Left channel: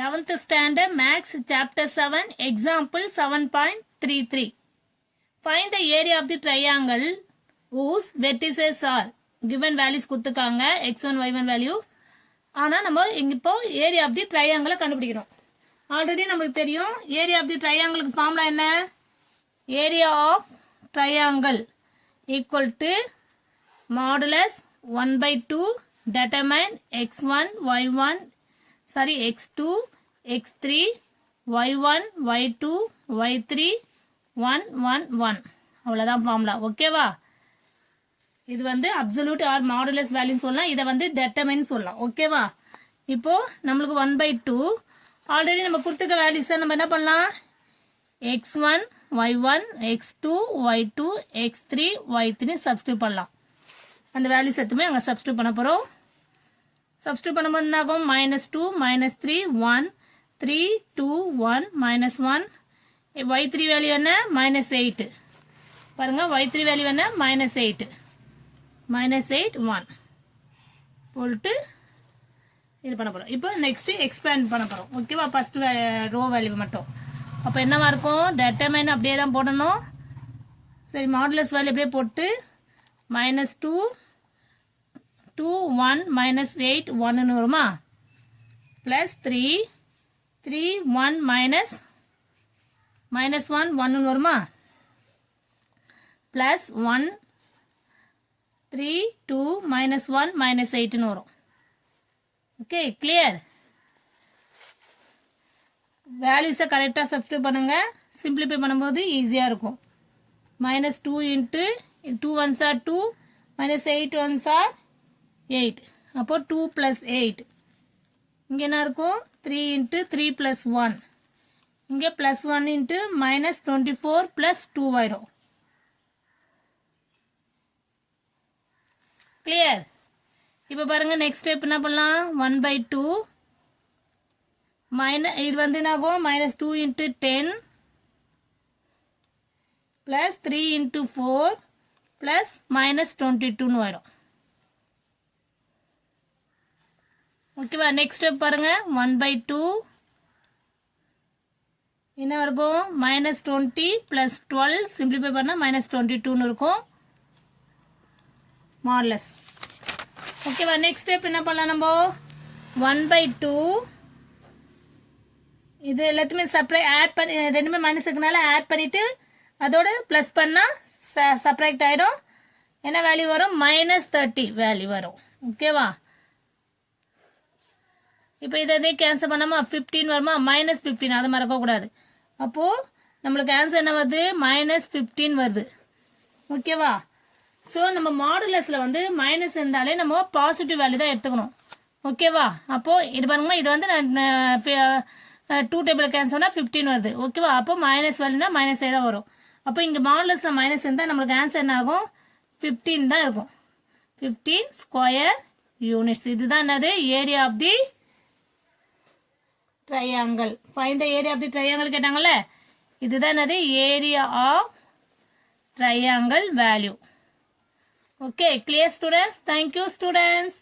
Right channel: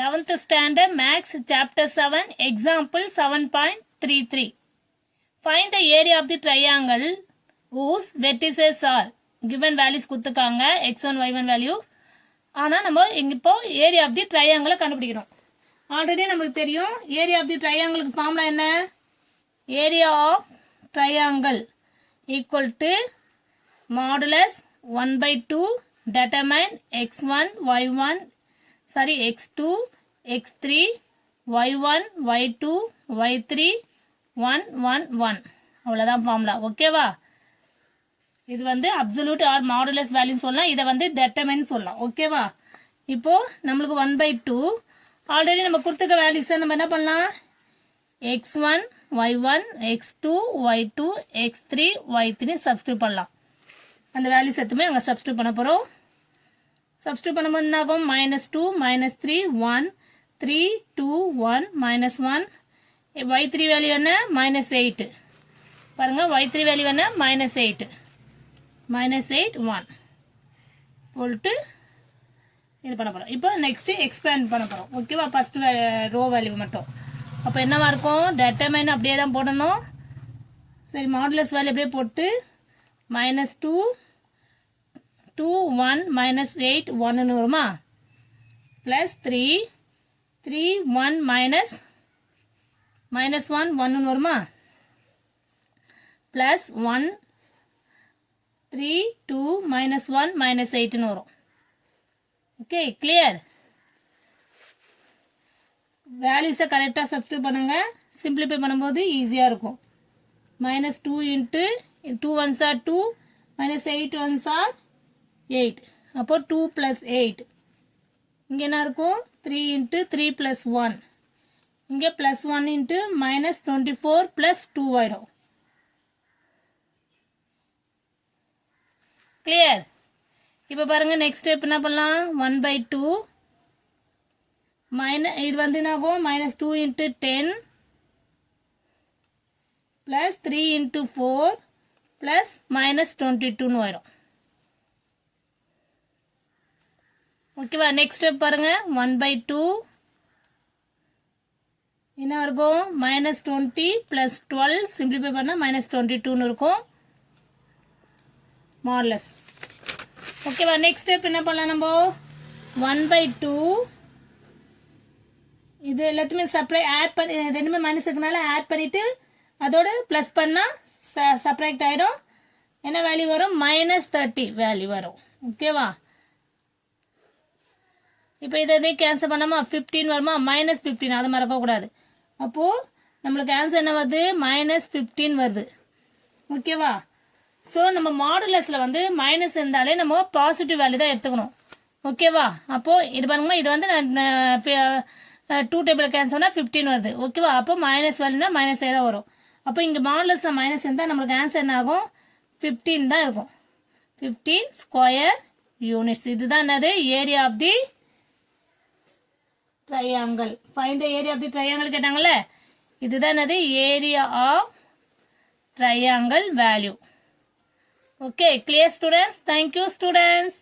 11th standard Maths chapter 7 example 7.33. Find the area of the triangle whose vertices are given values கொடுத்துக்காங்க x1 y1 values. ஆனா நம்ம இப்போ area of the triangle கண்டுபிடிக்கிறோம். Already நமக்கு தெரியும் area of the triangle formula என்ன? area of triangle equal to modulus 1/2 determine x1 y1 sorry x2 x3 y1 y2 y3 1 1 1 அவ்வளவுதான் formula. ஓகேவா? இது வந்து அப்சல்யூட் ஆர் மாடுலஸ் வேல்யூ சொல்லலாம், இதை வந்து டெட்டர்மைன் சொல்லலாம். ஓகேவா? இப்போ நம்மளுக்கு 1/2 ஆல்ரெடி நம்ம கொடுத்துக்க வேல்யூஸ் நம்ம என்ன பண்ணலாம்? x1 y1 x2 y2 x3 y3 substitute பண்ணலாம். அந்த வேல்யூஸ் எதுவுமே அங்க சப்ஸ்டிட்யூட் பண்ண போறோம். சப்ஸ்டிட்யூட் பண்ணும்போது என்ன ஆகும்? -2 -3 1 3 2 1 -1 y3 வேல்யூ என்ன? -8. பாருங்க y3 வேல்யூ என்ன? -8 -8 1 போட்டு இது பண்ண போறோம். இப்போ நெக்ஸ்ட் எக்ஸ்பேண்ட் பண்ண போறோம். ஓகேவா? ஃபர்ஸ்ட் ரோ வேல்யூ மட்டும். அப்ப என்னவா இருக்கும்? டெட்டர்மைன் அப்படியே தான் போடணும். சரி, மாடுலஸ் வேல்யூ அப்படியே போட்டு -2 2 1 -8 1 ன்னு வருமா? பிளஸ் 3 3 1 -1 1 ன்னு வருமா? பிளஸ் 1 3 2 -1 -8 ன்னு வரும். Okay, clear? வேல்யூஸை கரெக்டாக சப்ஸ்டிட்யூட் பண்ணுங்க. சிம்பிளிஃபை பண்ணும்போது ஈஸியா இருக்கும். -2 into 2 ones are 2 -8 ones are 8. அப்போ 2 plus 8. இங்க என்ன இருக்கும்? 3 into 3 plus 1. இங்க plus 1 into -24 plus 2 ஆயிடும். கிளியர்? இப்ப பாருங்க நெக்ஸ்ட் ஸ்டெப் என்ன பண்ணலாம்? 1/2 இது வந்து என்ன ஆகும்? -2 into 10 plus 3 into 4 plus -22 ன்னு ஆயிடும். ஓகேவா? நெக்ஸ்ட் ஸ்டெப் பாருங்க 1/2 என்ன இருக்கும்? -20 plus 12 சிம்பிளிஃபை பண்ணா -22 ன்னு இருக்கும். மாடுலஸ். ஓகேவா? நெக்ஸ்ட் ஸ்டெப் என்ன பண்ணலாம் நம்ம? 1/2 இது எல்லாத்தையுமே ஆட் பண்ணி ரெண்டுமே மைனஸ் இருக்கனால ஆட் பண்ணிட்டு அதோட பிளஸ் பண்ணா சப்ராக்ட் ஆயிடும். என்ன வேல்யூ வரும்? -30 வேல்யூ வரும். ஓகேவா? இப்போ இதை கேன்சல் பண்ணாம 15 வருமா? -15 அதை மறக்க கூடாது. அப்போ நம்மளுக்கு ஆன்சர் என்ன வருது? -15 வருது. ஓகேவா? சோ நம்ம மாடுலஸ்ல வந்து மைனஸ் இருந்தாலே நம்ம பாசிட்டிவ் வேல்யூ தான் எடுத்துக்கணும். ஓகேவா? அப்போ இது பாருங்க, இது வந்து 2 டேபிள் கேன்சல்னா 15 வருது. ஓகேவா? அப்போ மைனஸ் வேல்யூனா -8 தான் வரும். அப்போ இங்க மாடுலஸ்ல மைனஸ் இருந்தா நம்மளுக்கு ஆன்சர் என்ன ஆகும்? 15 தான் இருக்கும். 15 ஸ்கொயர் யூனிட்ஸ். இதுதான் என்னது? Area of the triangle. Find the area of the triangle கேட்டாங்கல்ல, இதுதான் என்னது? Area of triangle value. Okay, clear students? Thank you students.